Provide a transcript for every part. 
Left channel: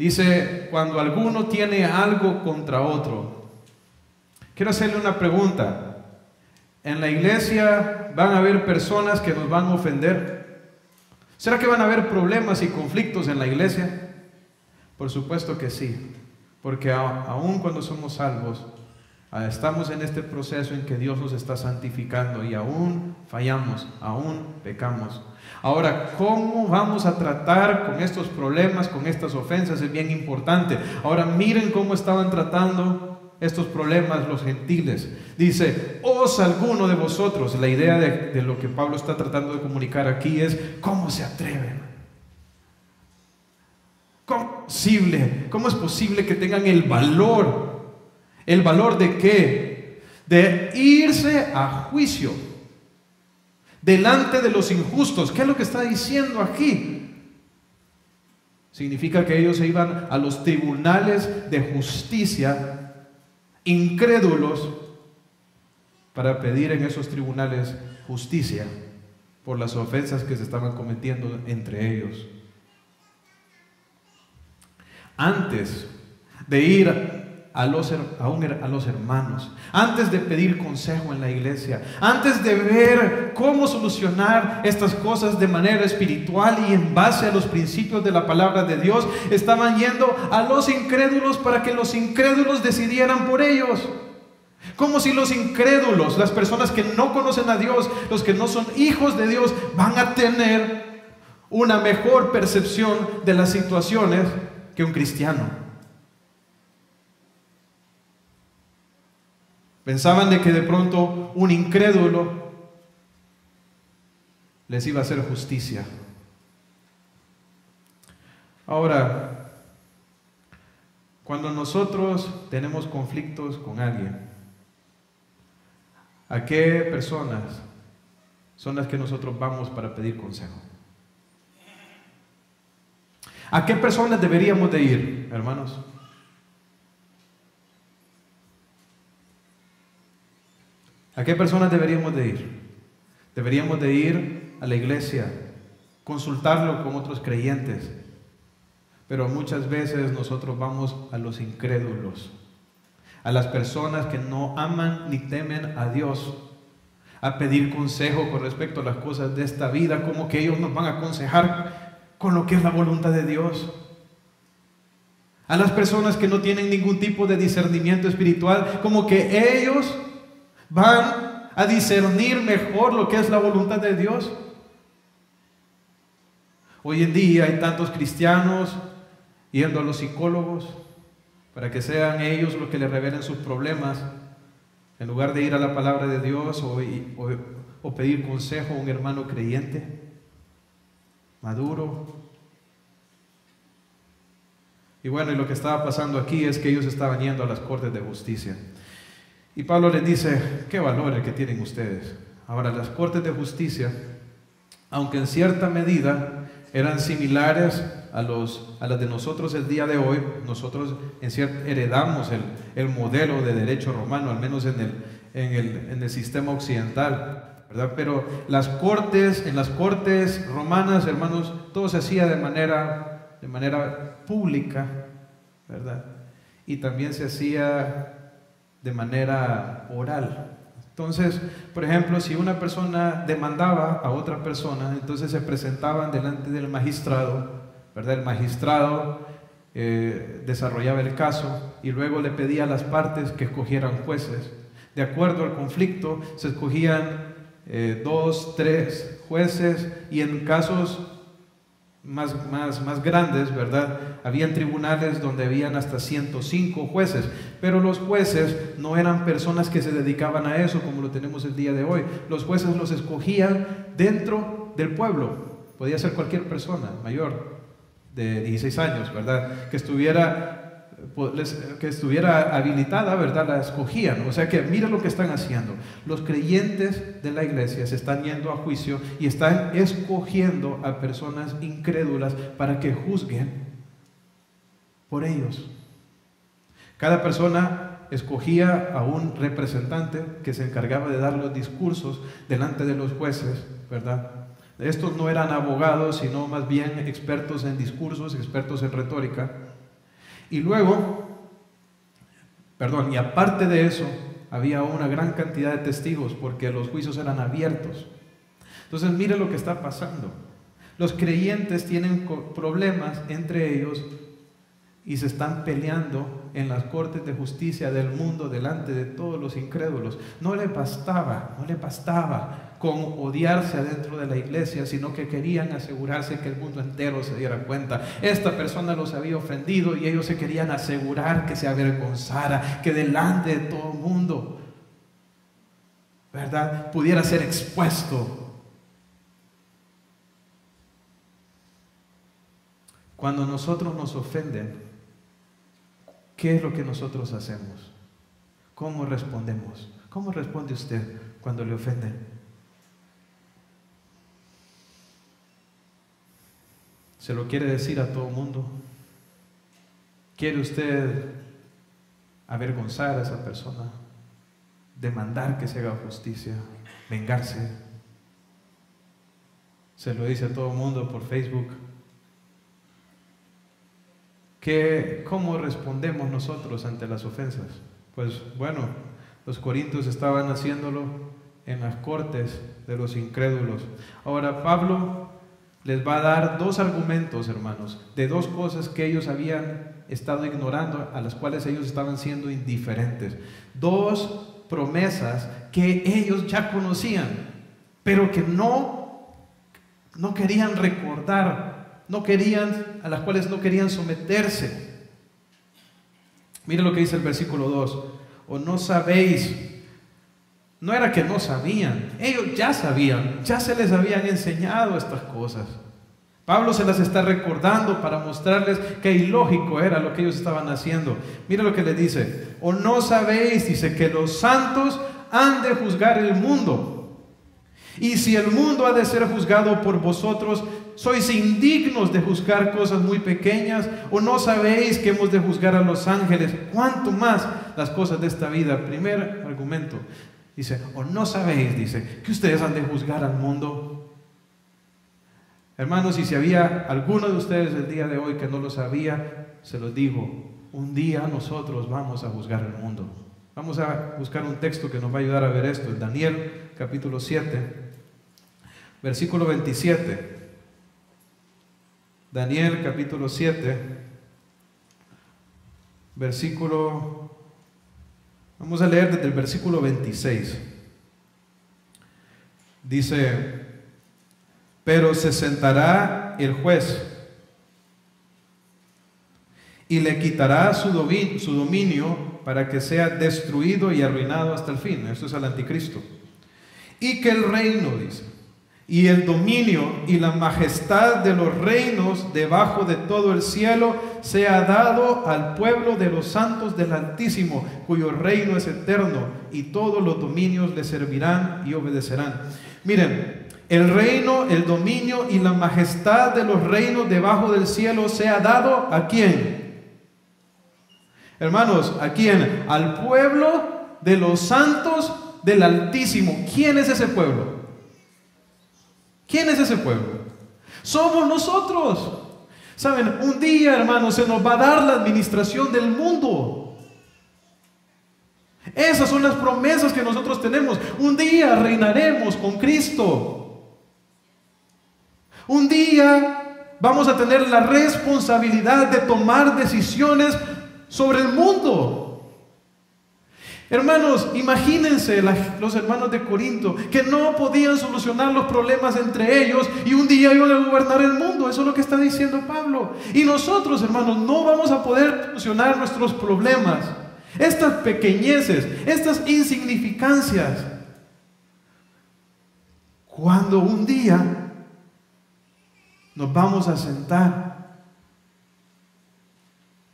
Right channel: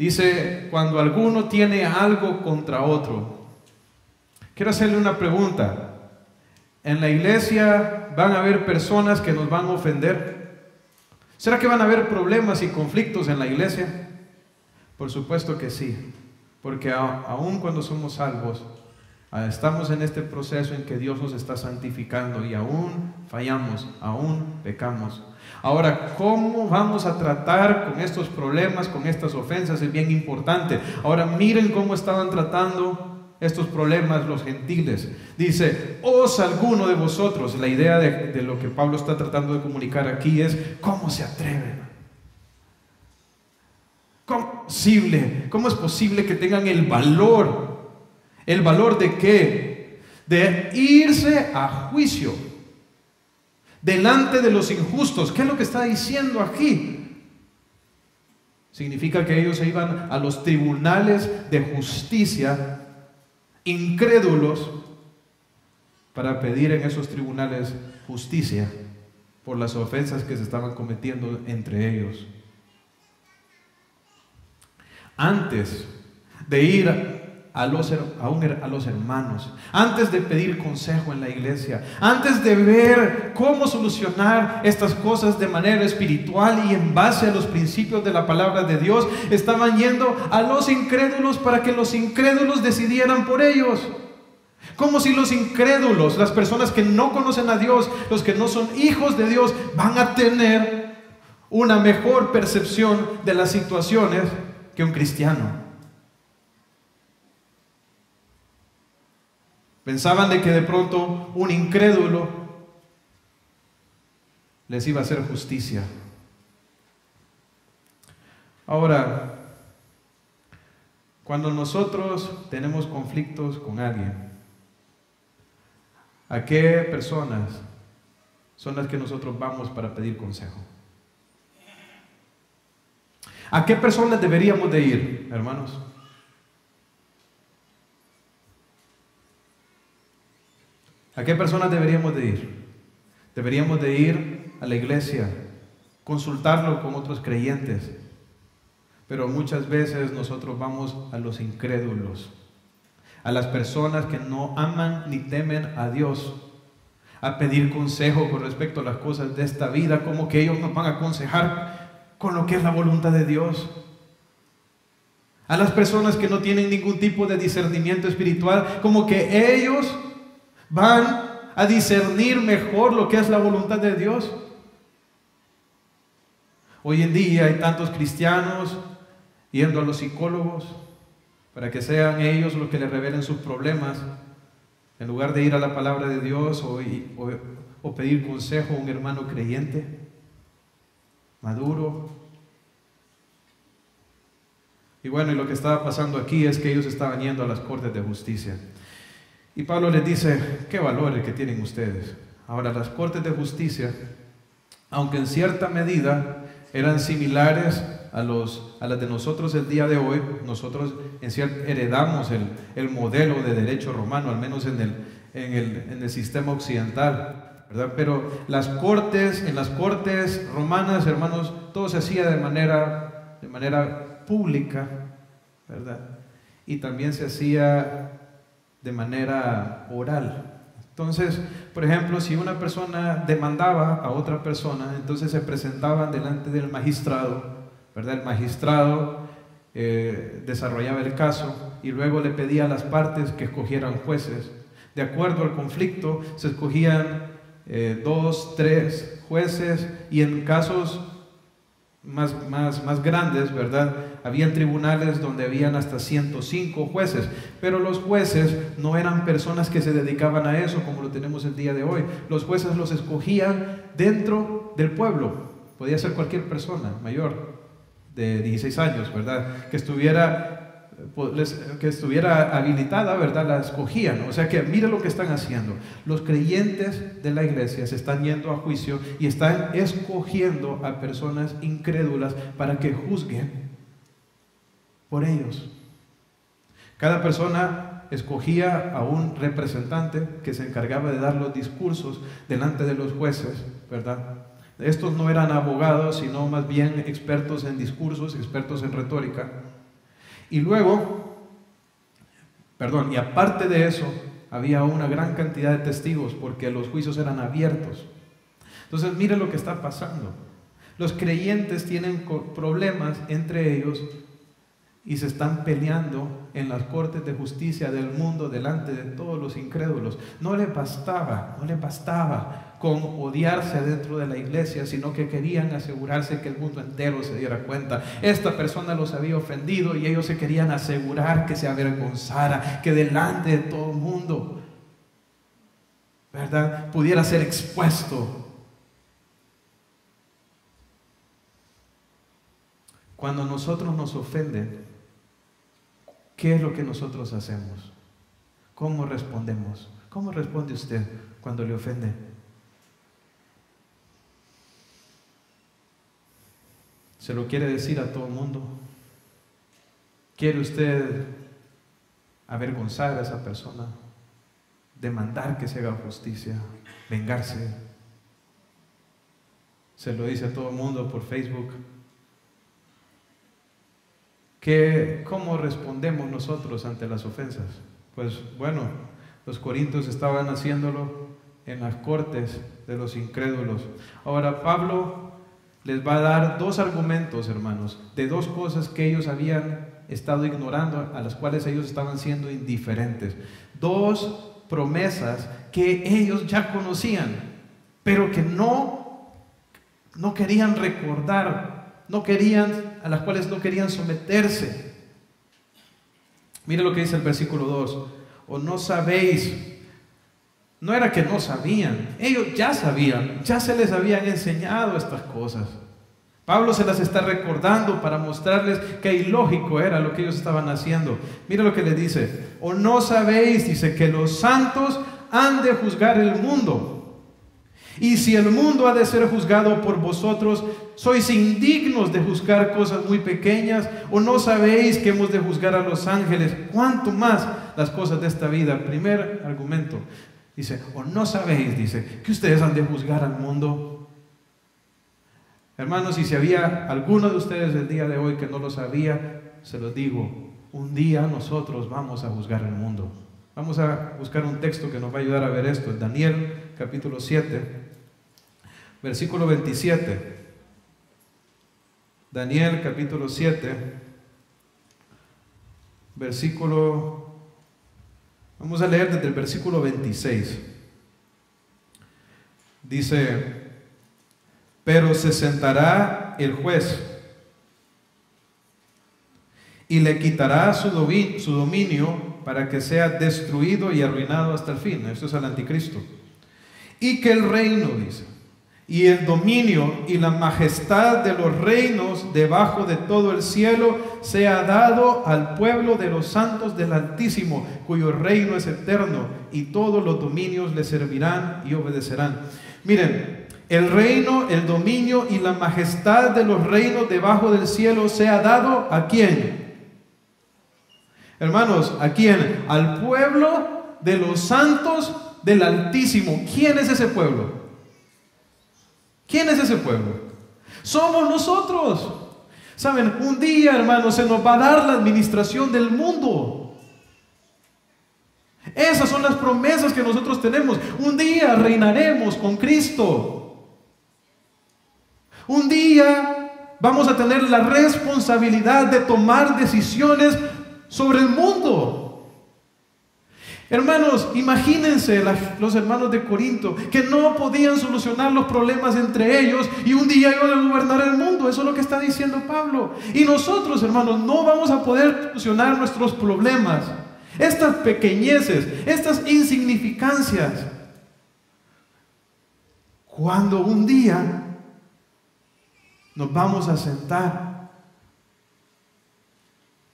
Dice, cuando alguno tiene algo contra otro. Quiero hacerle una pregunta. ¿En la iglesia van a haber personas que nos van a ofender? ¿Será que van a haber problemas y conflictos en la iglesia? Por supuesto que sí, porque aun cuando somos salvos, estamos en este proceso en que Dios nos está santificando y aún fallamos, aún pecamos. Ahora, ¿cómo vamos a tratar con estos problemas, con estas ofensas? Es bien importante. Ahora miren cómo estaban tratando estos problemas los gentiles. Dice, ¿os alguno de vosotros? La idea de lo que Pablo está tratando de comunicar aquí es, ¿cómo se atreven? ¿Cómo es posible que tengan el valor? ¿El valor de qué? De irse a juicio delante de los injustos. ¿Qué es lo que está diciendo aquí? Significa que ellos se iban a los tribunales de justicia incrédulos para pedir en esos tribunales justicia por las ofensas que se estaban cometiendo entre ellos. Antes de ir a los hermanos, antes de pedir consejo en la iglesia, antes de ver cómo solucionar estas cosas de manera espiritual y en base a los principios de la palabra de Dios, estaban yendo a los incrédulos para que los incrédulos decidieran por ellos. Como si los incrédulos, las personas que no conocen a Dios, los que no son hijos de Dios, van a tener una mejor percepción de las situaciones que un cristiano. Pensaban de que de pronto un incrédulo les iba a hacer justicia. Ahora, cuando nosotros tenemos conflictos con alguien, ¿a qué personas son las que nosotros vamos para pedir consejo? ¿A qué personas deberíamos de ir, hermanos? ¿A qué personas deberíamos de ir? Deberíamos de ir a la iglesia, consultarlo con otros creyentes, pero muchas veces nosotros vamos a los incrédulos, a las personas que no aman ni temen a Dios, a pedir consejo con respecto a las cosas de esta vida, como que ellos nos van a aconsejar con lo que es la voluntad de Dios. A las personas que no tienen ningún tipo de discernimiento espiritual, como que ellos van a discernir mejor lo que es la voluntad de Dios. Hoy en día hay tantos cristianos yendo a los psicólogos para que sean ellos los que les revelen sus problemas, en lugar de ir a la palabra de Dios o pedir consejo a un hermano creyente, maduro. Y bueno, y lo que estaba pasando aquí es que ellos estaban yendo a las cortes de justicia. Y Pablo les dice, ¿qué valores que tienen ustedes? Ahora, las cortes de justicia, aunque en cierta medida eran similares a las de nosotros el día de hoy, nosotros heredamos el modelo de derecho romano, al menos en el sistema occidental, ¿verdad? Pero en las cortes romanas, hermanos, todo se hacía de manera pública, ¿verdad? Y también se hacía de manera oral. Entonces, por ejemplo, si una persona demandaba a otra persona, entonces se presentaban delante del magistrado, ¿verdad? El magistrado desarrollaba el caso y luego le pedía a las partes que escogieran jueces. De acuerdo al conflicto, se escogían 2, 3 jueces, y en casos más grandes, ¿verdad? Habían tribunales donde habían hasta 105 jueces, pero los jueces no eran personas que se dedicaban a eso como lo tenemos el día de hoy. Los jueces los escogían dentro del pueblo. Podía ser cualquier persona mayor de 16 años, ¿verdad? Que estuviera habilitada, ¿verdad? La escogían. O sea que mira lo que están haciendo. Los creyentes de la iglesia se están yendo a juicio y están escogiendo a personas incrédulas para que juzguen por ellos. Cada persona escogía a un representante que se encargaba de dar los discursos delante de los jueces, ¿verdad? Estos no eran abogados, sino más bien expertos en discursos, expertos en retórica. Y luego, y aparte de eso, había una gran cantidad de testigos porque los juicios eran abiertos. Entonces, mire lo que está pasando. Los creyentes tienen problemas entre ellos y se están peleando en las cortes de justicia del mundo delante de todos los incrédulos. No les bastaba con odiarse adentro de la iglesia, sino que querían asegurarse que el mundo entero se diera cuenta. Esta persona los había ofendido y ellos se querían asegurar que se avergonzara, que delante de todo el mundo, ¿verdad?, pudiera ser expuesto. Cuando nosotros nos ofenden, ¿qué es lo que nosotros hacemos? ¿Cómo respondemos? ¿Cómo responde usted cuando le ofenden? ¿Se lo quiere decir a todo el mundo? ¿Quiere usted avergonzar a esa persona? ¿Demandar que se haga justicia? ¿Vengarse? ¿Se lo dice a todo el mundo por Facebook? ¿Cómo respondemos nosotros ante las ofensas? Pues bueno, los corintios estaban haciéndolo en las cortes de los incrédulos. Ahora Pablo les va a dar dos argumentos, hermanos, de dos cosas que ellos habían estado ignorando, a las cuales ellos estaban siendo indiferentes. Dos promesas que ellos ya conocían, pero que no querían recordar, a las cuales no querían someterse. Mire lo que dice el versículo 2. ¿O no sabéis? No era que no sabían, ellos ya sabían, ya se les habían enseñado estas cosas. Pablo se las está recordando para mostrarles que ilógico era lo que ellos estaban haciendo. Mire lo que le dice. ¿O no sabéis? Dice que los santos han de juzgar el mundo. Y si el mundo ha de ser juzgado por vosotros, ¿sois indignos de juzgar cosas muy pequeñas? ¿O no sabéis que hemos de juzgar a los ángeles? ¿Cuánto más las cosas de esta vida? Primer argumento. Dice, ¿o no sabéis? Dice, que ustedes han de juzgar al mundo. Hermanos, y si había alguno de ustedes el día de hoy que no lo sabía, se los digo, un día nosotros vamos a juzgar el mundo. Vamos a buscar un texto que nos va a ayudar a ver esto. En Daniel capítulo 7, versículo 27. Daniel capítulo 7, vamos a leer desde el versículo 26. Dice, pero se sentará el juez y le quitará su dominio para que sea destruido y arruinado hasta el fin. Esto es el anticristo. Y que el reino, dice, y el dominio y la majestad de los reinos debajo de todo el cielo sea dado al pueblo de los santos del Altísimo, cuyo reino es eterno, y todos los dominios le servirán y obedecerán. Miren, el reino, el dominio y la majestad de los reinos debajo del cielo sea dado ¿a quién? Hermanos, ¿a quién? Al pueblo de los santos del Altísimo. ¿Quién es ese pueblo? ¿Quién es ese pueblo? Somos nosotros. Saben, un día, hermanos, se nos va a dar la administración del mundo. Esas son las promesas que nosotros tenemos. Un día reinaremos con Cristo. Un día vamos a tener la responsabilidad de tomar decisiones sobre el mundo. Hermanos, imagínense los hermanos de Corinto que no podían solucionar los problemas entre ellos y un día iban a gobernar el mundo. Eso es lo que está diciendo Pablo. Y nosotros, hermanos, no vamos a poder solucionar nuestros problemas, estas pequeñeces, estas insignificancias, cuando un día nos vamos a sentar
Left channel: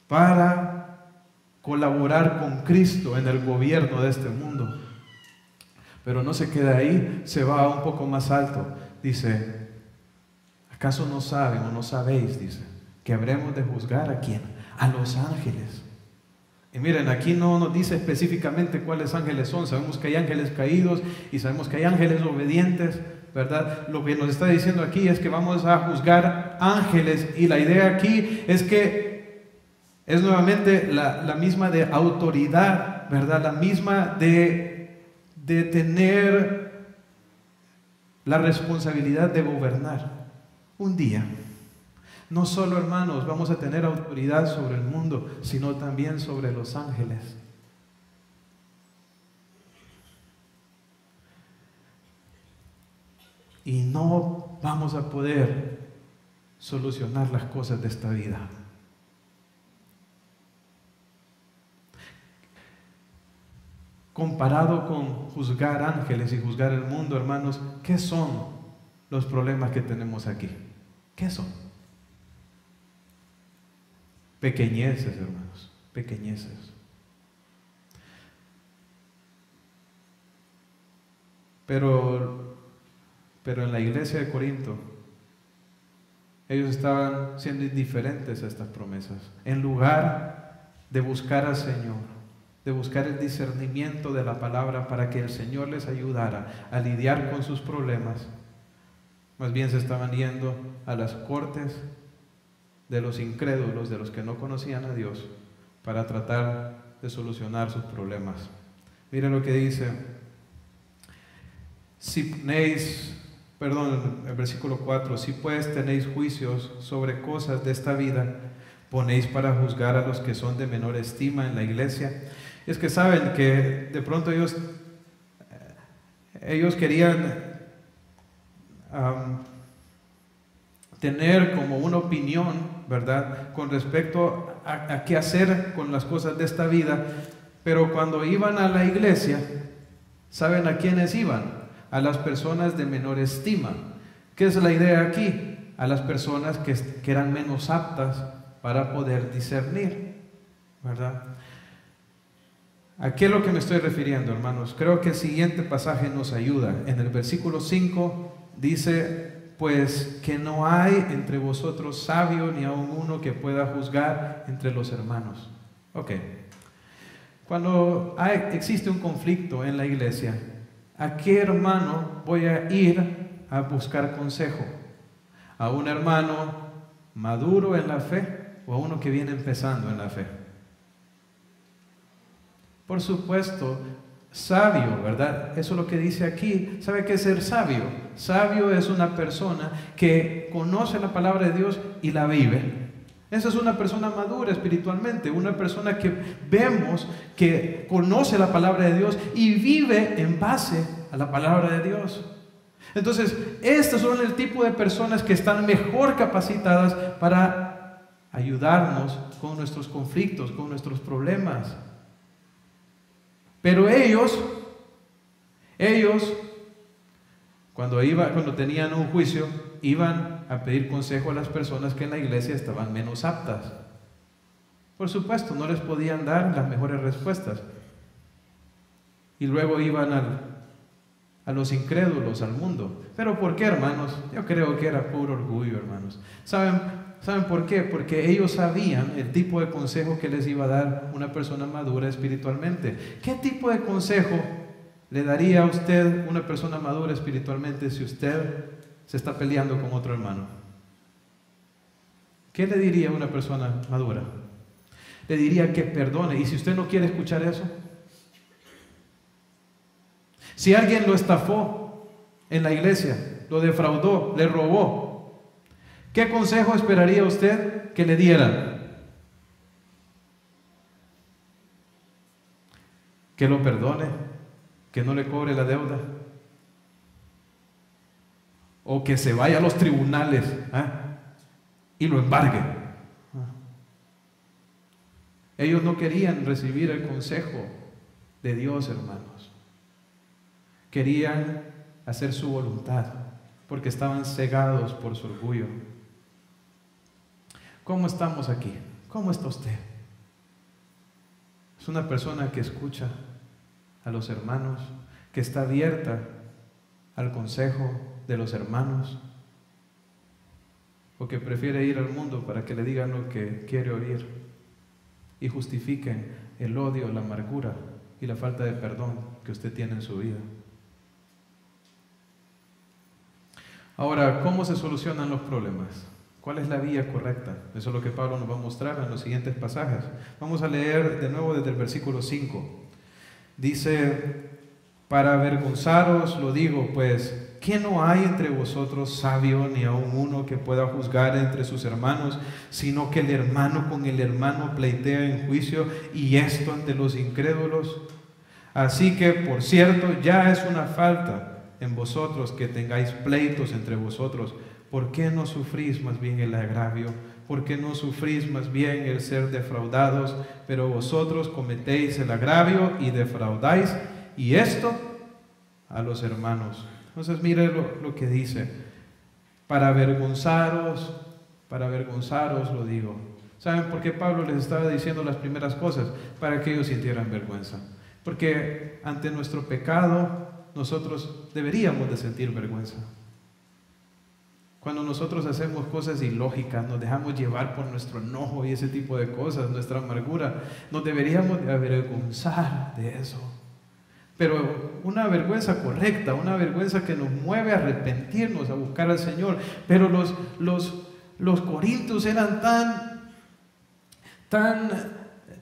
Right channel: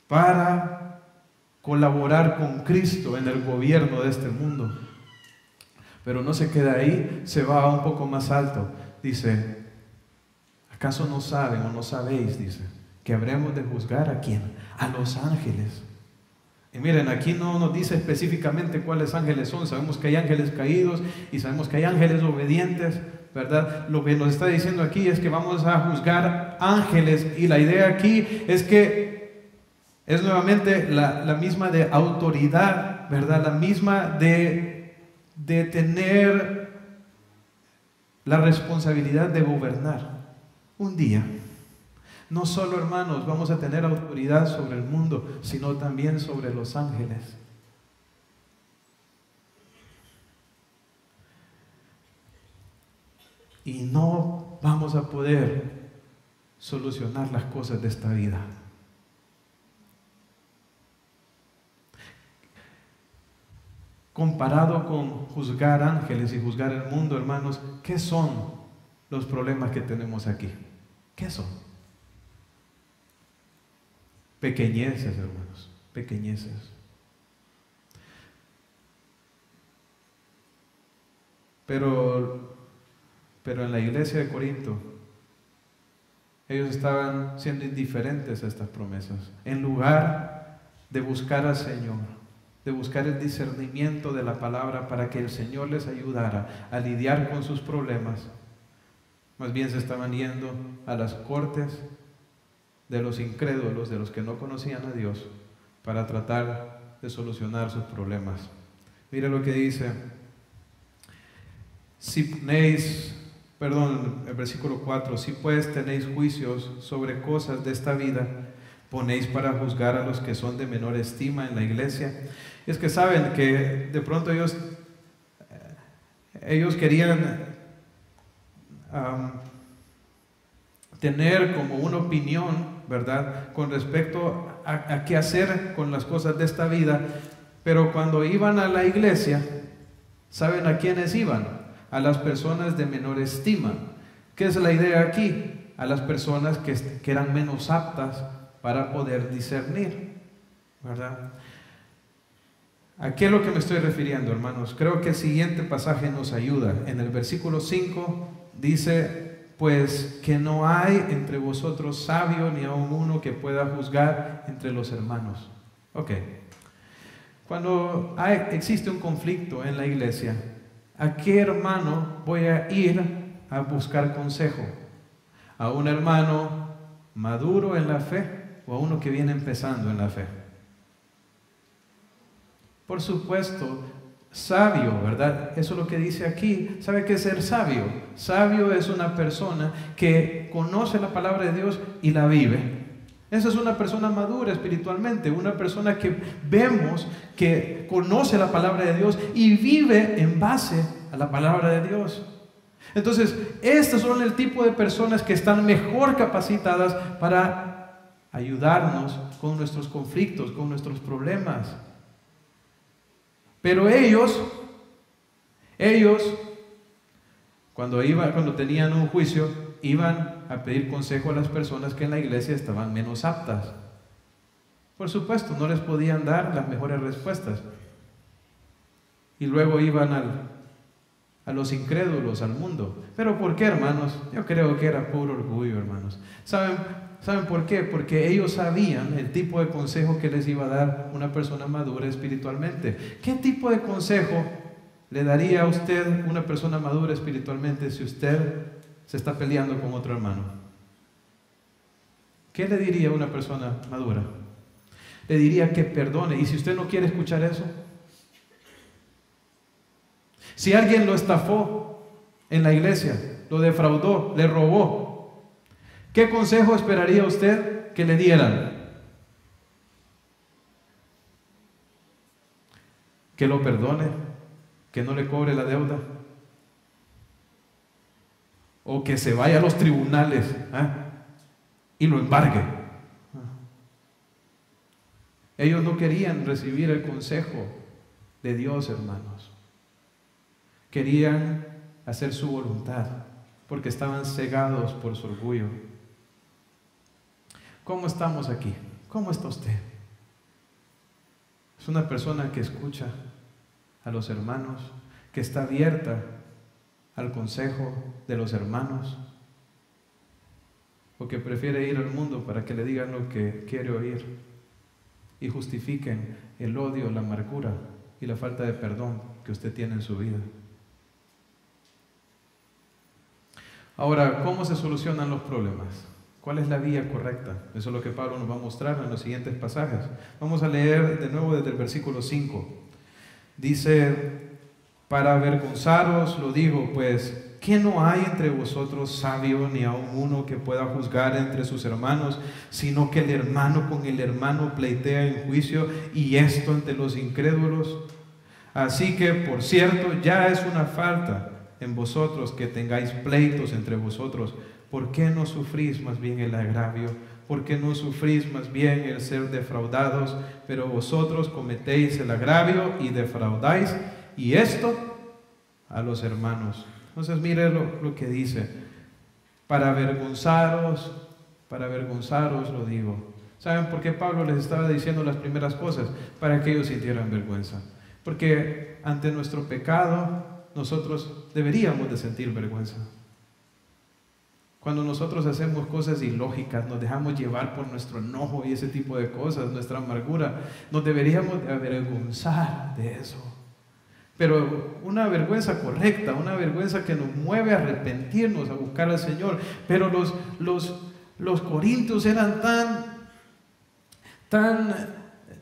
para colaborar con Cristo en el gobierno de este mundo. Pero no se queda ahí, se va un poco más alto. Dice, ¿acaso no saben o no sabéis? Dice, que habremos de juzgar ¿a quién? A los ángeles. Y miren, aquí no nos dice específicamente cuáles ángeles son. Sabemos que hay ángeles caídos y sabemos que hay ángeles obedientes, ¿verdad? Lo que nos está diciendo aquí es que vamos a juzgar ángeles, y la idea aquí es que Es nuevamente la misma de autoridad, ¿verdad? La misma de tener la responsabilidad de gobernar. Un día, no solo, hermanos, vamos a tener autoridad sobre el mundo, sino también sobre los ángeles. Y no vamos a poder solucionar las cosas de esta vida. Comparado con juzgar ángeles y juzgar el mundo, hermanos, ¿qué son los problemas que tenemos aquí? ¿Qué son? Pequeñeces, hermanos, pequeñeces. Pero en la iglesia de Corinto, ellos estaban siendo indiferentes a estas promesas. En lugar de buscar al Señor, de buscar el discernimiento de la palabra para que el Señor les ayudara a lidiar con sus problemas, más bien se estaban yendo a las cortes de los incrédulos, de los que no conocían a Dios, para tratar de solucionar sus problemas. Mire lo que dice, el versículo 4, si pues tenéis juicios sobre cosas de esta vida, ponéis para juzgar a los que son de menor estima en la iglesia. Es que saben que de pronto ellos querían tener como una opinión, ¿verdad?, con respecto a qué hacer con las cosas de esta vida, pero cuando iban a la iglesia, ¿saben a quiénes iban? A las personas de menor estima. ¿Qué es la idea aquí? A las personas que eran menos aptas para poder discernir, ¿verdad? ¿A qué es lo que me estoy refiriendo, hermanos? Creo que el siguiente pasaje nos ayuda. En el versículo 5 dice, pues que no hay entre vosotros sabio ni aun uno que pueda juzgar entre los hermanos. Ok. Cuando existe un conflicto en la iglesia, ¿a qué hermano voy a ir a buscar consejo? ¿A un hermano maduro en la fe o a uno que viene empezando en la fe? Por supuesto, sabio, ¿verdad? Eso es lo que dice aquí. ¿Sabe qué es ser sabio? Sabio es una persona que conoce la palabra de Dios y la vive. Esa es una persona madura espiritualmente, una persona que vemos que conoce la palabra de Dios y vive en base a la palabra de Dios. Entonces, estos son el tipo de personas que están mejor capacitadas para ayudarnos con nuestros conflictos, con nuestros problemas. Pero ellos cuando tenían un juicio, iban a pedir consejo a las personas que en la iglesia estaban menos aptas. Por supuesto, no les podían dar las mejores respuestas. Y luego iban a los incrédulos, al mundo. ¿Pero por qué, hermanos? Yo creo que era puro orgullo, hermanos. ¿Saben por qué? Porque ellos sabían el tipo de consejo que les iba a dar una persona madura espiritualmente. ¿Qué tipo de consejo le daría a usted una persona madura espiritualmente si usted se está peleando con otro hermano? ¿Qué le diría a una persona madura? Le diría que perdone. ¿Y si usted no quiere escuchar eso? Si alguien lo estafó en la iglesia, lo defraudó, le robó, ¿qué consejo esperaría usted que le dieran? Que lo perdone, que no le cobre la deuda, o que se vaya a los tribunales y lo embargue. Ellos no querían recibir el consejo de Dios, hermanos. Querían hacer su voluntad porque estaban cegados por su orgullo. ¿Cómo estamos aquí? ¿Cómo está usted? ¿Es una persona que escucha a los hermanos, que está abierta al consejo de los hermanos, o que prefiere ir al mundo para que le digan lo que quiere oír y justifiquen el odio, la amargura y la falta de perdón que usted tiene en su vida? Ahora, ¿cómo se solucionan los problemas? ¿Cuál es la vía correcta? Eso es lo que Pablo nos va a mostrar en los siguientes pasajes. Vamos a leer de nuevo desde el versículo 5. Dice: para avergonzaros lo digo, pues, ¿que no hay entre vosotros sabio, ni aun uno que pueda juzgar entre sus hermanos, sino que el hermano con el hermano pleitea en juicio, y esto ante los incrédulos? Así que, por cierto, ya es una falta en vosotros que tengáis pleitos entre vosotros. ¿Por qué no sufrís más bien el agravio? ¿Por qué no sufrís más bien el ser defraudados? Pero vosotros cometéis el agravio y defraudáis, y esto a los hermanos. Entonces mire lo que dice: para avergonzaros lo digo. ¿Saben por qué Pablo les estaba diciendo las primeras cosas? Para que ellos sintieran vergüenza. Porque ante nuestro pecado nosotros deberíamos de sentir vergüenza. Cuando nosotros hacemos cosas ilógicas, nos dejamos llevar por nuestro enojo y ese tipo de cosas, nuestra amargura, nos deberíamos de avergonzar de eso. Pero una vergüenza correcta, una vergüenza que nos mueve a arrepentirnos, a buscar al Señor. Pero los corintios eran tan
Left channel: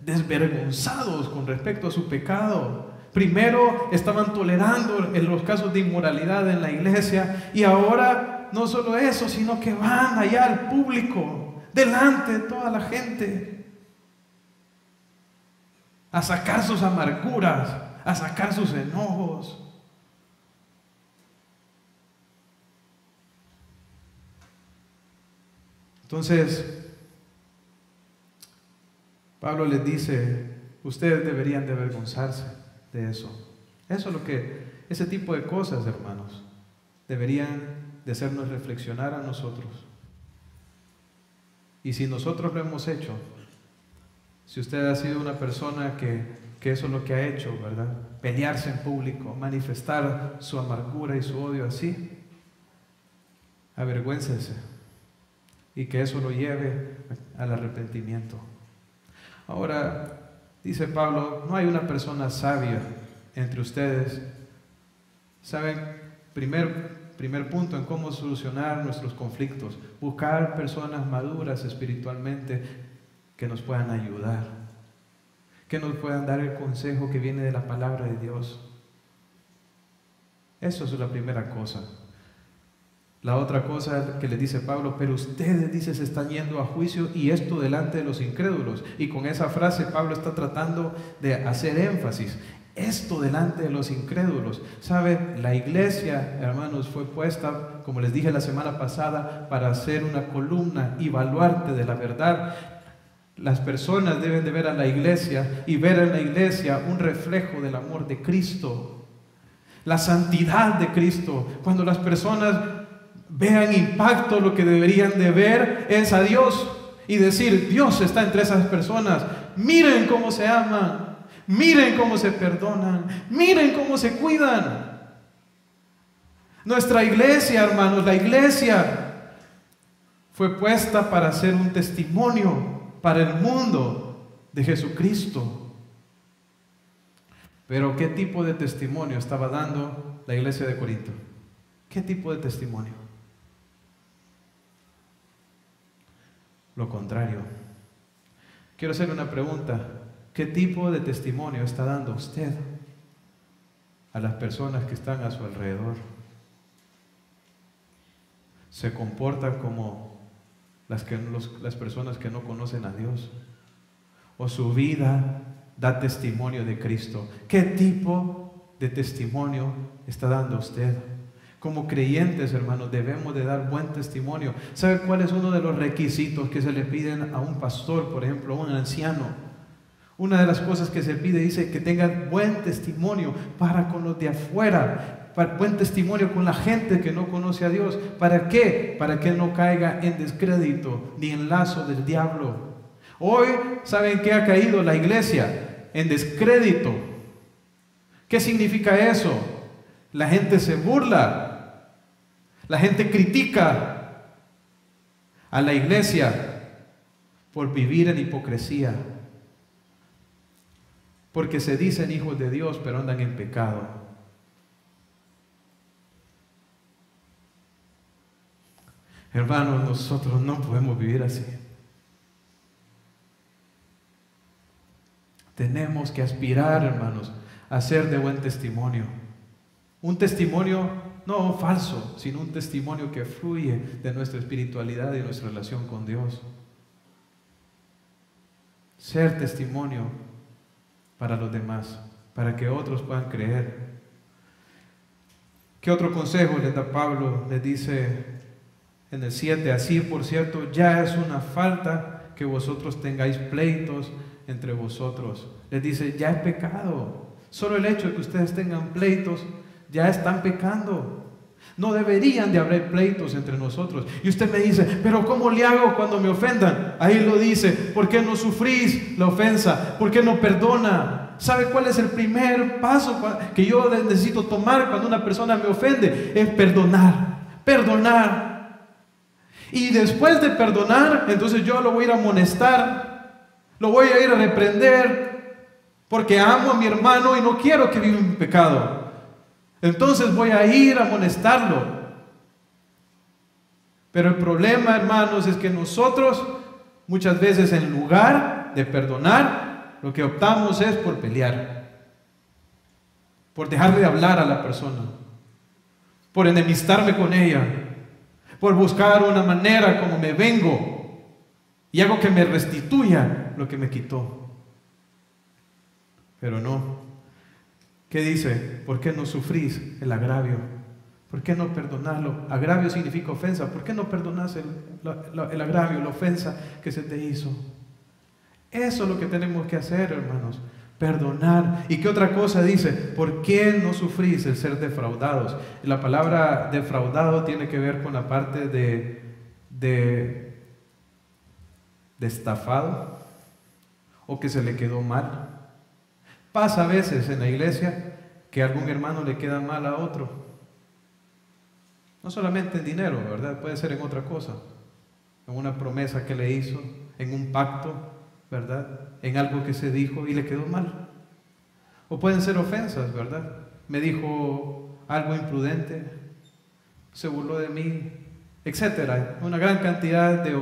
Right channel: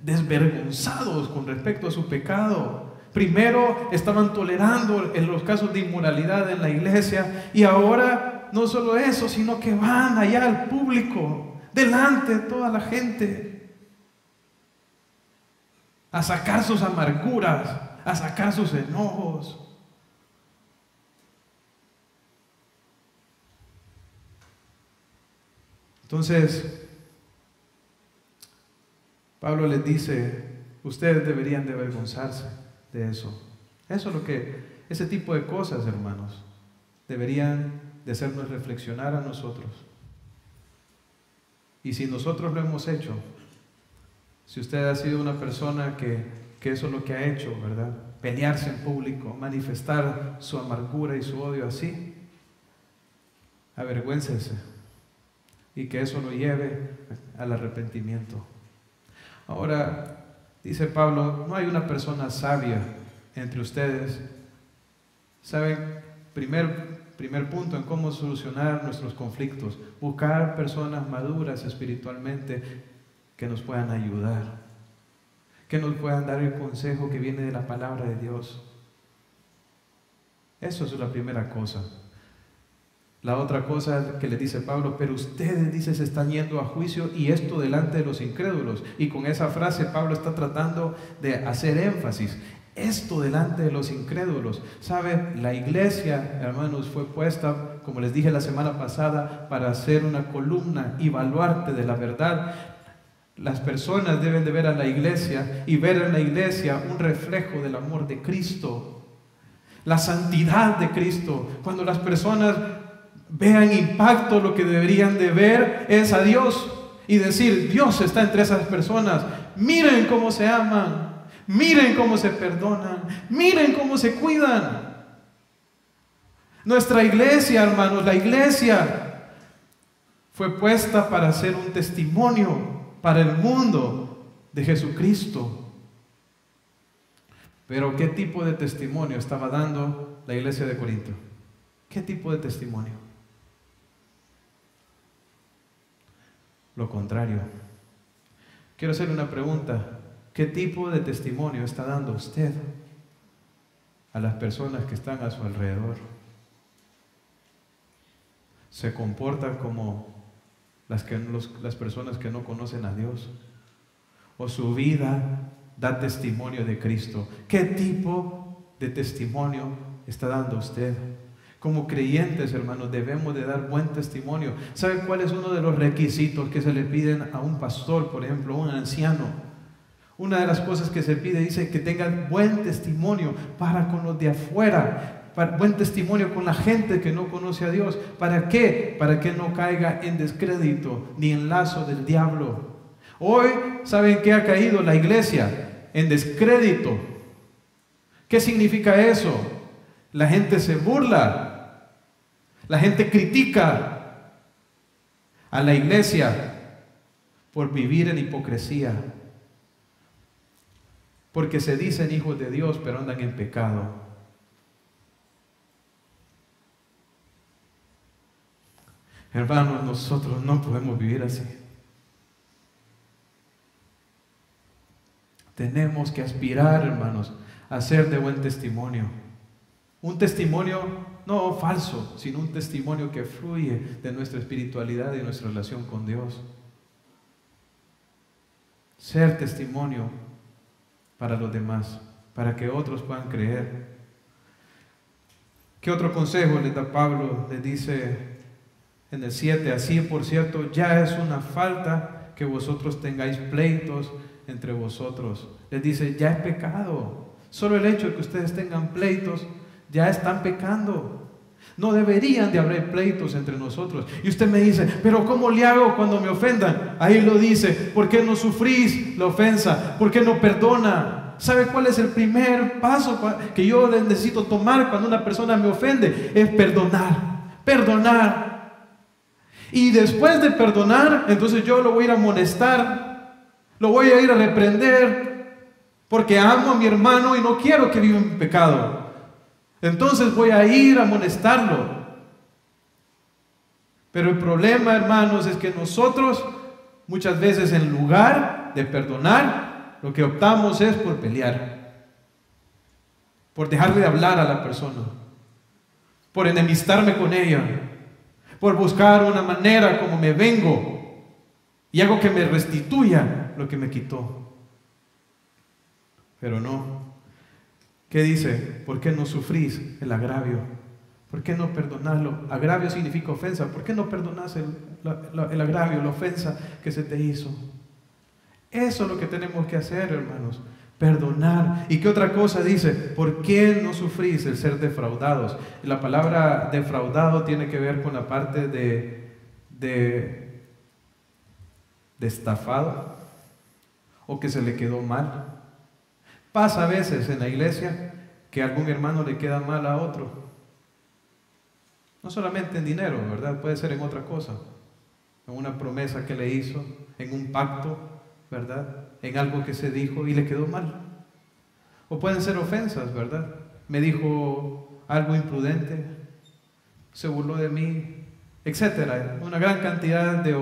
desvergonzados con respecto a su pecado. Primero estaban tolerando en los casos de inmoralidad en la iglesia, y ahora no solo eso, sino que van allá al público, delante de toda la gente, a sacar sus amarguras, a sacar sus enojos. Entonces, Pablo les dice: ustedes deberían de avergonzarse de eso. Eso es lo que, ese tipo de cosas, hermanos, deberían de hacernos reflexionar a nosotros. Y si nosotros lo hemos hecho, si usted ha sido una persona que eso es lo que ha hecho, ¿verdad? Pelearse en público, manifestar su amargura y su odio así, avergüéncese y que eso lo lleve al arrepentimiento. Ahora, dice Pablo, no hay una persona sabia entre ustedes. ¿Saben? Primer punto en cómo solucionar nuestros conflictos: buscar personas maduras espiritualmente que nos puedan ayudar, que nos puedan dar el consejo que viene de la palabra de Dios. Eso es la primera cosa. La otra cosa que le dice Pablo: pero ustedes, dice, se están yendo a juicio, y esto delante de los incrédulos. Y con esa frase Pablo está tratando de hacer énfasis: esto delante de los incrédulos. ¿Sabe? La iglesia, hermanos, fue puesta, como les dije la semana pasada, para ser una columna y baluarte de la verdad. Las personas deben de ver a la iglesia y ver en la iglesia un reflejo del amor de Cristo, la santidad de Cristo. Cuando las personas vean impacto, lo que deberían de ver es a Dios y decir: Dios está entre esas personas. Miren cómo se aman, miren cómo se perdonan, miren cómo se cuidan. Nuestra iglesia, hermanos, la iglesia fue puesta para ser un testimonio para el mundo de Jesucristo. Pero ¿qué tipo de testimonio estaba dando la iglesia de Corinto? ¿Qué tipo de testimonio? Lo contrario. Quiero hacerle una pregunta: ¿qué tipo de testimonio está dando usted a las personas que están a su alrededor? ¿Se comporta como las personas que no conocen a Dios? ¿O su vida da testimonio de Cristo? ¿Qué tipo de testimonio está dando usted? Como creyentes, hermanos, debemos de dar buen testimonio. ¿Sabe cuál es uno de los requisitos que se le piden a un pastor, por ejemplo, a un anciano? Una de las cosas que se pide, dice, que tenga buen testimonio para con los de afuera, buen testimonio con la gente que no conoce a Dios. ¿Para qué? Para que no caiga en descrédito ni en lazo del diablo. Hoy, ¿saben qué ha caído la iglesia? En descrédito. ¿Qué significa eso? La gente se burla, la gente critica a la iglesia por vivir en hipocresía, porque se dicen hijos de Dios pero andan en pecado. Hermanos, nosotros no podemos vivir así. Tenemos que aspirar, hermanos, a ser de buen testimonio. Un testimonio no falso, sino un testimonio que fluye de nuestra espiritualidad y nuestra relación con Dios. Ser testimonio para los demás, para que otros puedan creer. ¿Qué otro consejo les da Pablo? Les dice en el 7, así por cierto, ya es una falta que vosotros tengáis pleitos entre vosotros. Les dice, ya es pecado. Solo el hecho de que ustedes tengan pleitos, ya están pecando. No deberían de haber pleitos entre nosotros. Y usted me dice, pero ¿cómo le hago cuando me ofendan? Ahí lo dice, ¿por qué no sufrís la ofensa? ¿Por qué no perdona? ¿Sabe cuál es el primer paso que yo necesito tomar cuando una persona me ofende? Es perdonar, perdonar. Y después de perdonar, entonces yo lo voy a ir a amonestar, lo voy a ir a reprender, porque amo a mi hermano y no quiero que viva en pecado. Entonces voy a ir a amonestarlo. Pero el problema, hermanos, es que nosotros muchas veces en lugar de perdonar, lo que optamos es por pelear, por dejarle de hablar a la persona, por enemistarme con ella, por buscar una manera como me vengo y hago que me restituya lo que me quitó. Pero no. ¿Qué dice? ¿Por qué no sufrís el agravio? ¿Por qué no perdonarlo? Agravio significa ofensa. ¿Por qué no perdonás el agravio, la ofensa que se te hizo? Eso es lo que tenemos que hacer, hermanos. Perdonar. ¿Y qué otra cosa dice? ¿Por qué no sufrís el ser defraudados? La palabra defraudado tiene que ver con la parte de estafado o que se le quedó mal. Pasa a veces en la iglesia que a algún hermano le queda mal a otro. No solamente en dinero, ¿verdad? Puede ser en otra cosa. En una promesa que le hizo, en un pacto, ¿verdad? En algo que se dijo y le quedó mal. O pueden ser ofensas, ¿verdad? Me dijo algo imprudente, se burló de mí, etcétera. Una gran cantidad de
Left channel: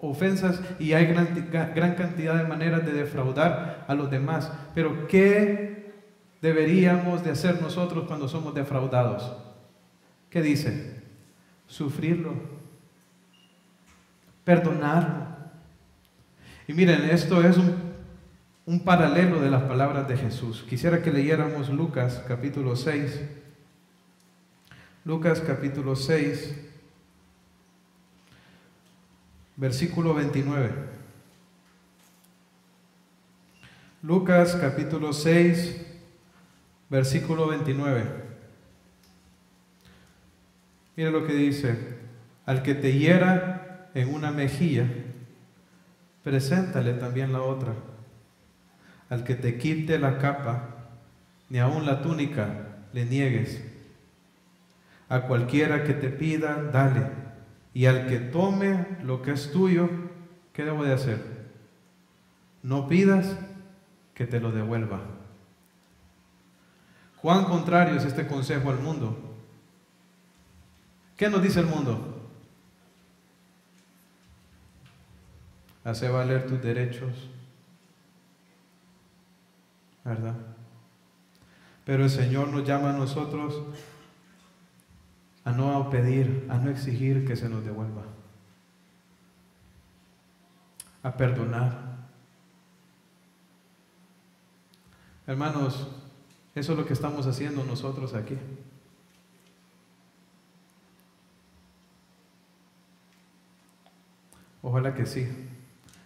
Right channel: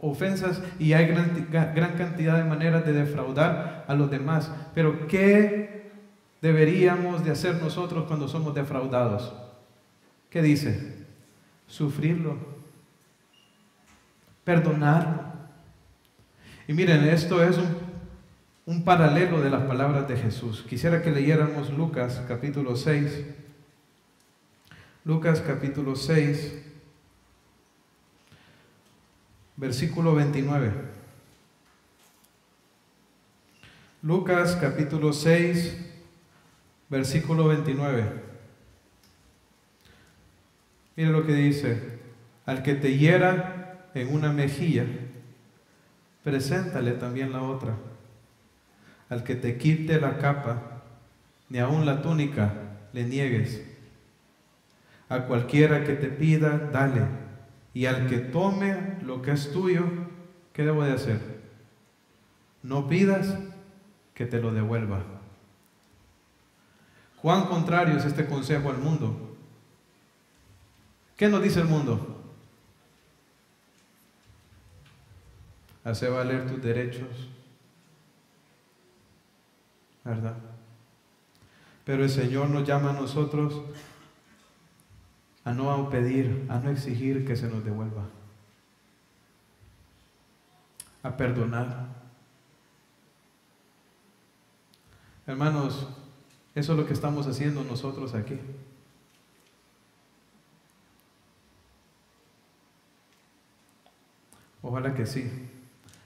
ofensas y hay gran cantidad de maneras de defraudar a los demás. Pero ¿qué deberíamos de hacer nosotros cuando somos defraudados? ¿Qué dice? Sufrirlo, perdonarlo. Y miren, esto es un paralelo de las palabras de Jesús. Quisiera que leyéramos Lucas capítulo 6. Lucas capítulo 6. Versículo 29. Lucas capítulo 6, versículo 29. Mire lo que dice: al que te hiera en una mejilla, preséntale también la otra. Al que te quite la capa, ni aun la túnica le niegues. A cualquiera que te pida, dale. Y al que tome lo que es tuyo, ¿qué debo de hacer? No pidas que te lo devuelva. ¿Cuán contrario es este consejo al mundo? ¿Qué nos dice el mundo? Hace valer tus derechos, ¿verdad? Pero el Señor nos llama a nosotros a no pedir, a no exigir que se nos devuelva, a perdonar. Hermanos, eso es lo que estamos haciendo nosotros aquí. Ojalá que sí.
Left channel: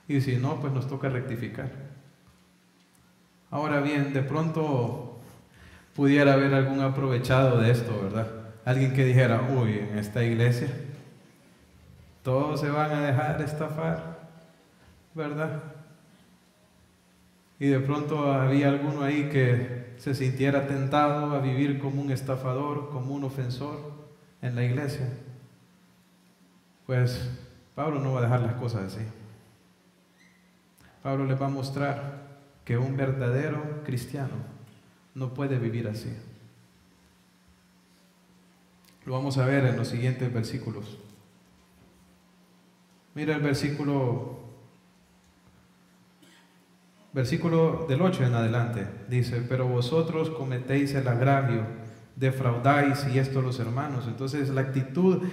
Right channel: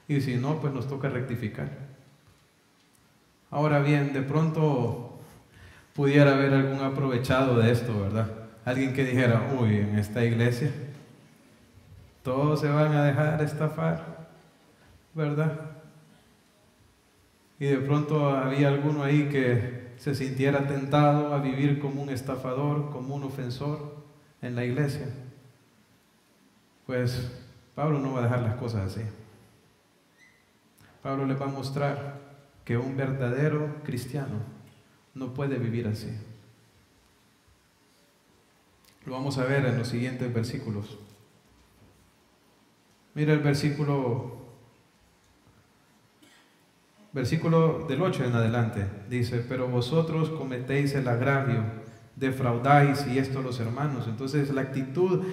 Y si no, pues nos toca rectificar. Ahora bien, de pronto pudiera haber algún aprovechado de esto, ¿verdad? Alguien que dijera, uy, en esta iglesia todos se van a dejar estafar, ¿verdad? Y de pronto había alguno ahí que se sintiera tentado a vivir como un estafador, como un ofensor en la iglesia. Pues Pablo no va a dejar las cosas así. Pablo les va a mostrar que un verdadero cristiano no puede vivir así. Lo vamos a ver en los siguientes versículos. Mira el versículo del 8 en adelante. Dice, pero vosotros cometéis el agravio, defraudáis, y esto los hermanos. Entonces la actitud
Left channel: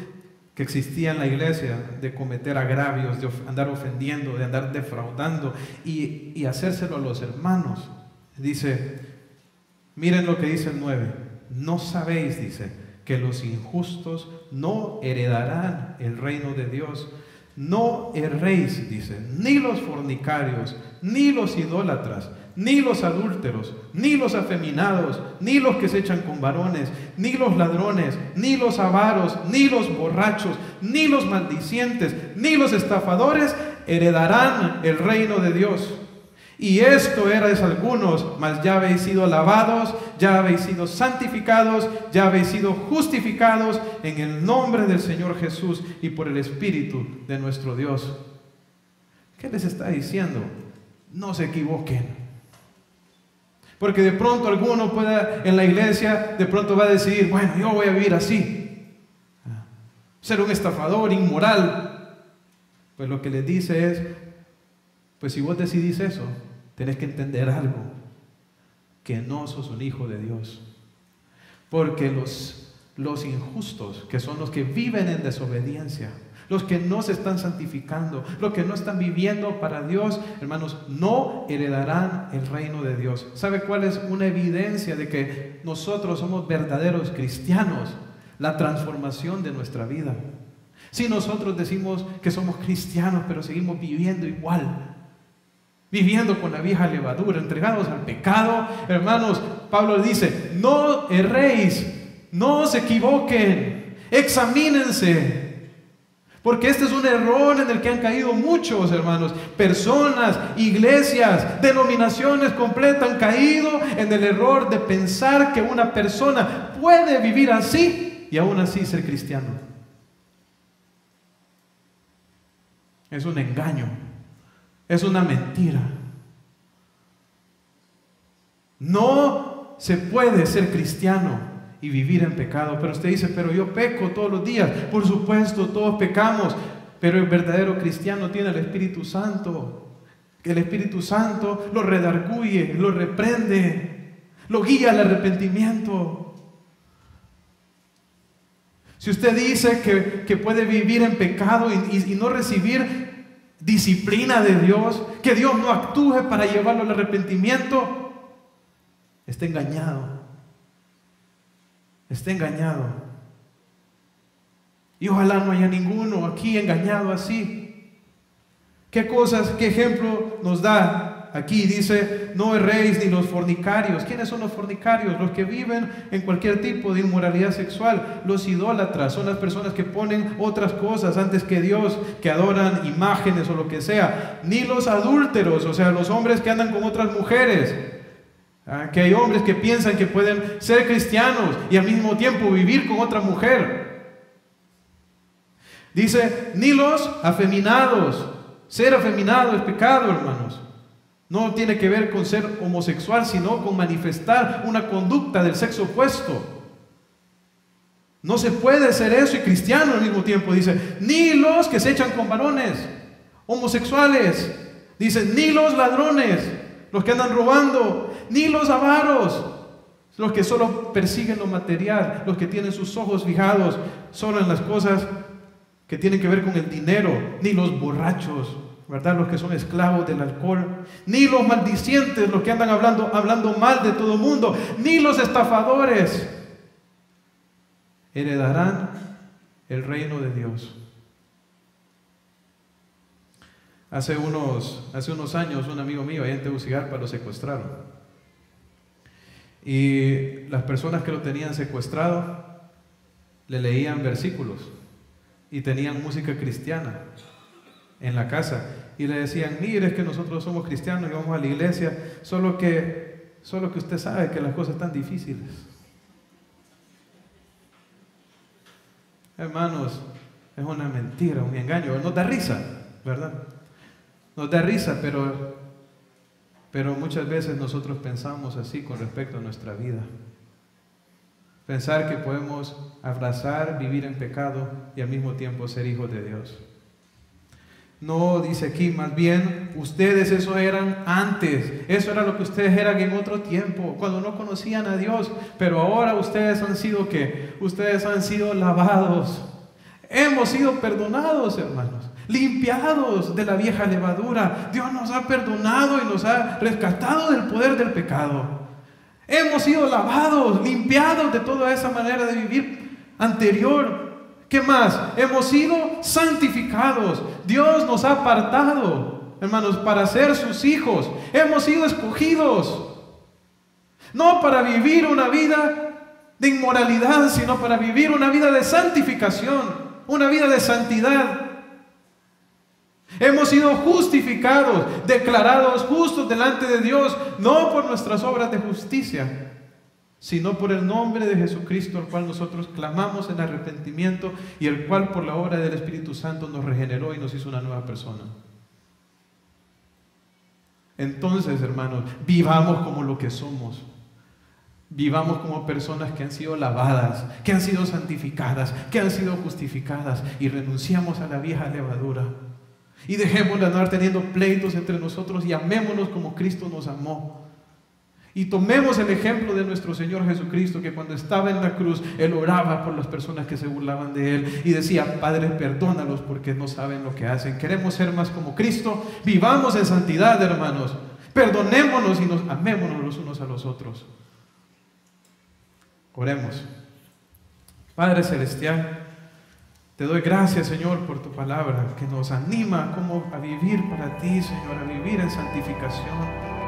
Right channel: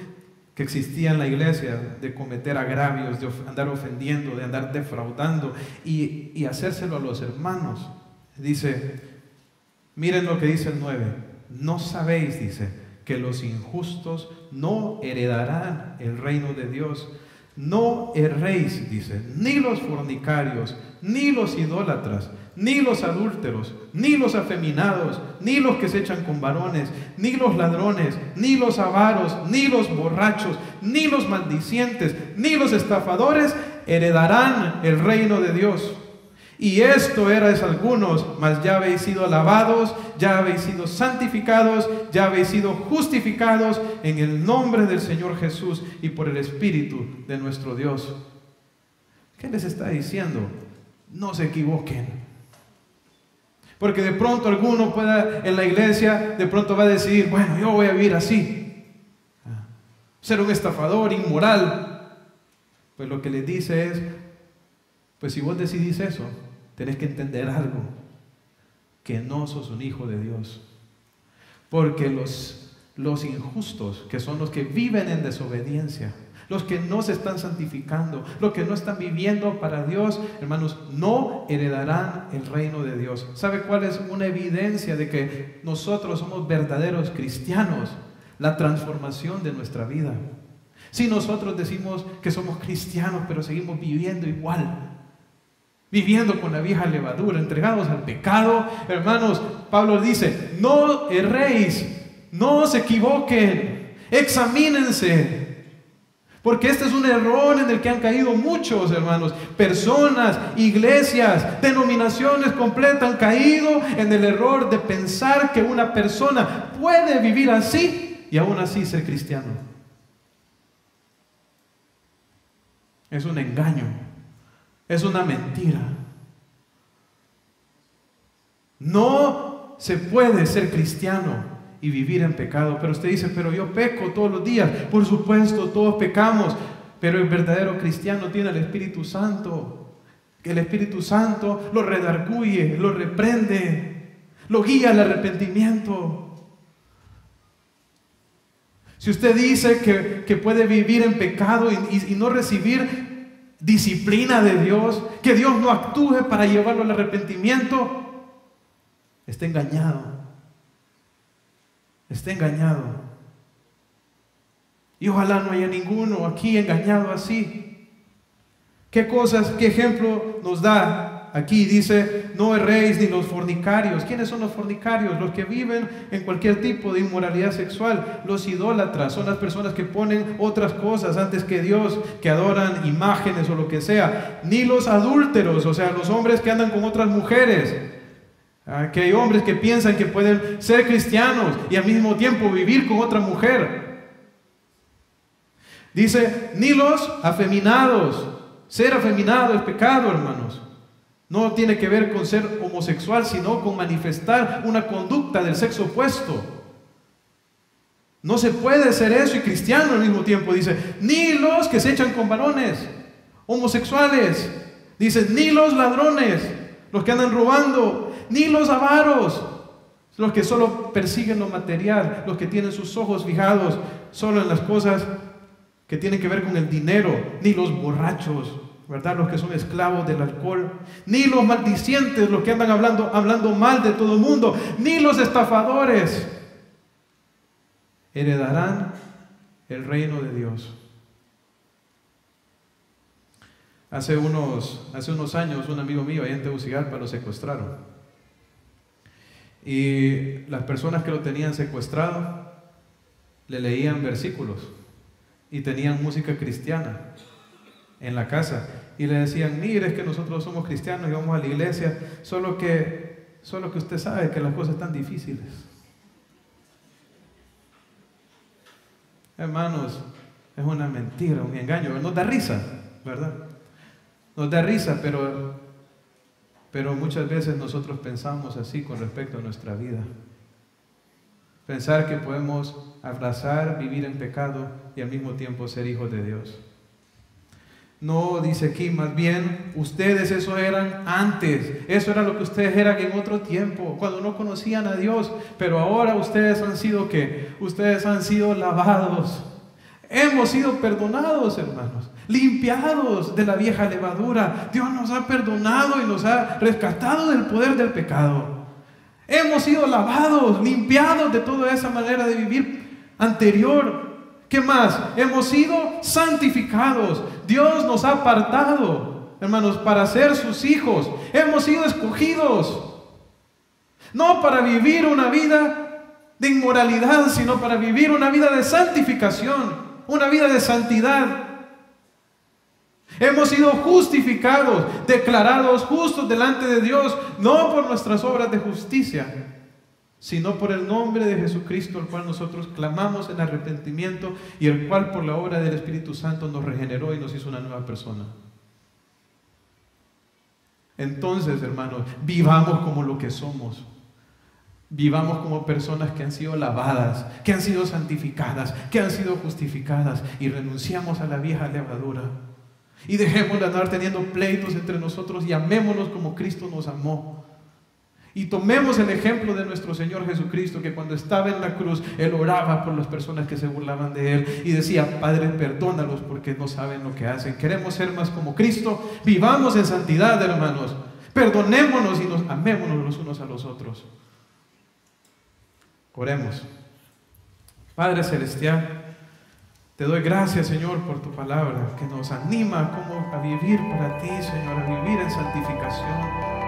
que existía en la iglesia de cometer agravios, de andar ofendiendo, de andar defraudando y hacérselo a los hermanos. Dice, miren lo que dice el 9. No sabéis, dice, que los injustos no heredarán el reino de Dios. No erréis, dice, ni los fornicarios, ni los idólatras, ni los adúlteros, ni los afeminados, ni los que se echan con varones, ni los ladrones, ni los avaros, ni los borrachos, ni los maldicientes, ni los estafadores heredarán el reino de Dios. Y esto erais algunos, mas ya habéis sido lavados, ya habéis sido santificados, ya habéis sido justificados en el nombre del Señor Jesús y por el Espíritu de nuestro Dios. ¿Qué les está diciendo? No se equivoquen. Porque de pronto alguno pueda en la iglesia, de pronto va a decidir, bueno, yo voy a vivir así. Ser un estafador, inmoral. Pues lo que les dice es, pues si vos decidís eso, tenés que entender algo, que no sos un hijo de Dios. Porque los injustos, que son los que viven en desobediencia, los que no se están santificando, los que no están viviendo para Dios, hermanos, no heredarán el reino de Dios. ¿Sabe cuál es una evidencia de que nosotros somos verdaderos cristianos? La transformación de nuestra vida. Si nosotros decimos que somos cristianos, pero seguimos viviendo igual, viviendo con la vieja levadura, entregados al pecado, hermanos, Pablo dice, no erréis, no se equivoquen, examínense. Porque este es un error en el que han caído muchos, hermanos. Personas, iglesias, denominaciones completas han caído en el error de pensar que una persona puede vivir así y aún así ser cristiano. Es un engaño, es una mentira. No se puede ser cristiano y vivir en pecado. Pero usted dice, pero yo peco todos los días. Por supuesto, todos pecamos, pero el verdadero cristiano tiene el Espíritu Santo. El Espíritu Santo lo redarguye, lo reprende, lo guía al arrepentimiento. Si usted dice que puede vivir en pecado y no recibir disciplina de Dios, que Dios no actúe para llevarlo al arrepentimiento, está engañado. Está engañado. Y ojalá no haya ninguno aquí engañado así. ¿Qué cosas, qué ejemplo nos da? Aquí dice, no erréis ni los fornicarios. ¿Quiénes son los fornicarios? Los que viven en cualquier tipo de inmoralidad sexual. Los idólatras son las personas que ponen otras cosas antes que Dios, que adoran imágenes o lo que sea. Ni los adúlteros, o sea, los hombres que andan con otras mujeres. Que hay hombres que piensan que pueden ser cristianos y al mismo tiempo vivir con otra mujer. Dice, ni los afeminados. Ser afeminado es pecado, hermanos. No tiene que ver con ser homosexual, sino con manifestar una conducta del sexo opuesto. No se puede ser eso y cristiano al mismo tiempo. Dice, ni los que se echan con varones, homosexuales. Dice, ni los ladrones, los que andan robando, ni los avaros, los que solo persiguen lo material, los que tienen sus ojos fijados solo en las cosas que tienen que ver con el dinero, ni los borrachos, ¿verdad? Los que son esclavos del alcohol, ni los maldicientes, los que andan hablando mal de todo el mundo, ni los estafadores heredarán el reino de Dios. Hace unos años, un amigo mío allá en Tegucigalpa lo secuestraron. Y las personas que lo tenían secuestrado le leían versículos y tenían música cristiana en la casa. Y le decían, mire, es que nosotros somos cristianos y vamos a la iglesia, solo que usted sabe que las cosas están difíciles. Hermanos, es una mentira, un engaño. Nos da risa, ¿verdad? Nos da risa, pero muchas veces nosotros pensamos así con respecto a nuestra vida. Pensar que podemos abrazar, vivir en pecado y al mismo tiempo ser hijos de Dios. No, dice aquí, más bien, ustedes eso eran antes. Eso era lo que ustedes eran en otro tiempo, cuando no conocían a Dios. Pero ahora ustedes han sido, ¿qué? Ustedes han sido lavados. Hemos sido perdonados, hermanos. Limpiados de la vieja levadura. Dios nos ha perdonado y nos ha rescatado del poder del pecado. Hemos sido lavados, limpiados de toda esa manera de vivir anterior. ¿Qué más? Hemos sido santificados. Dios nos ha apartado, hermanos, para ser sus hijos. Hemos sido escogidos. No para vivir una vida de inmoralidad, sino para vivir una vida de santificación, una vida de santidad. Hemos sido justificados, declarados justos delante de Dios, no por nuestras obras de justicia, sino por el nombre de Jesucristo, al cual nosotros clamamos en arrepentimiento y el cual por la obra del Espíritu Santo nos regeneró y nos hizo una nueva persona. Entonces, hermanos, vivamos como lo que somos. Vivamos como personas que han sido lavadas, que han sido santificadas, que han sido justificadas, y renunciamos a la vieja levadura. Y dejemos de andar teniendo pleitos entre nosotros y amémonos como Cristo nos amó. Y tomemos el ejemplo de nuestro Señor Jesucristo, que cuando estaba en la cruz, Él oraba por las personas que se burlaban de Él y decía: Padre, perdónalos porque no saben lo que hacen. Queremos ser más como Cristo. Vivamos en santidad, hermanos. Perdonémonos y amémonos los unos a los otros. Oremos. Padre Celestial, te doy gracias, Señor, por tu palabra que nos anima a vivir para ti, Señor, a vivir en santificación.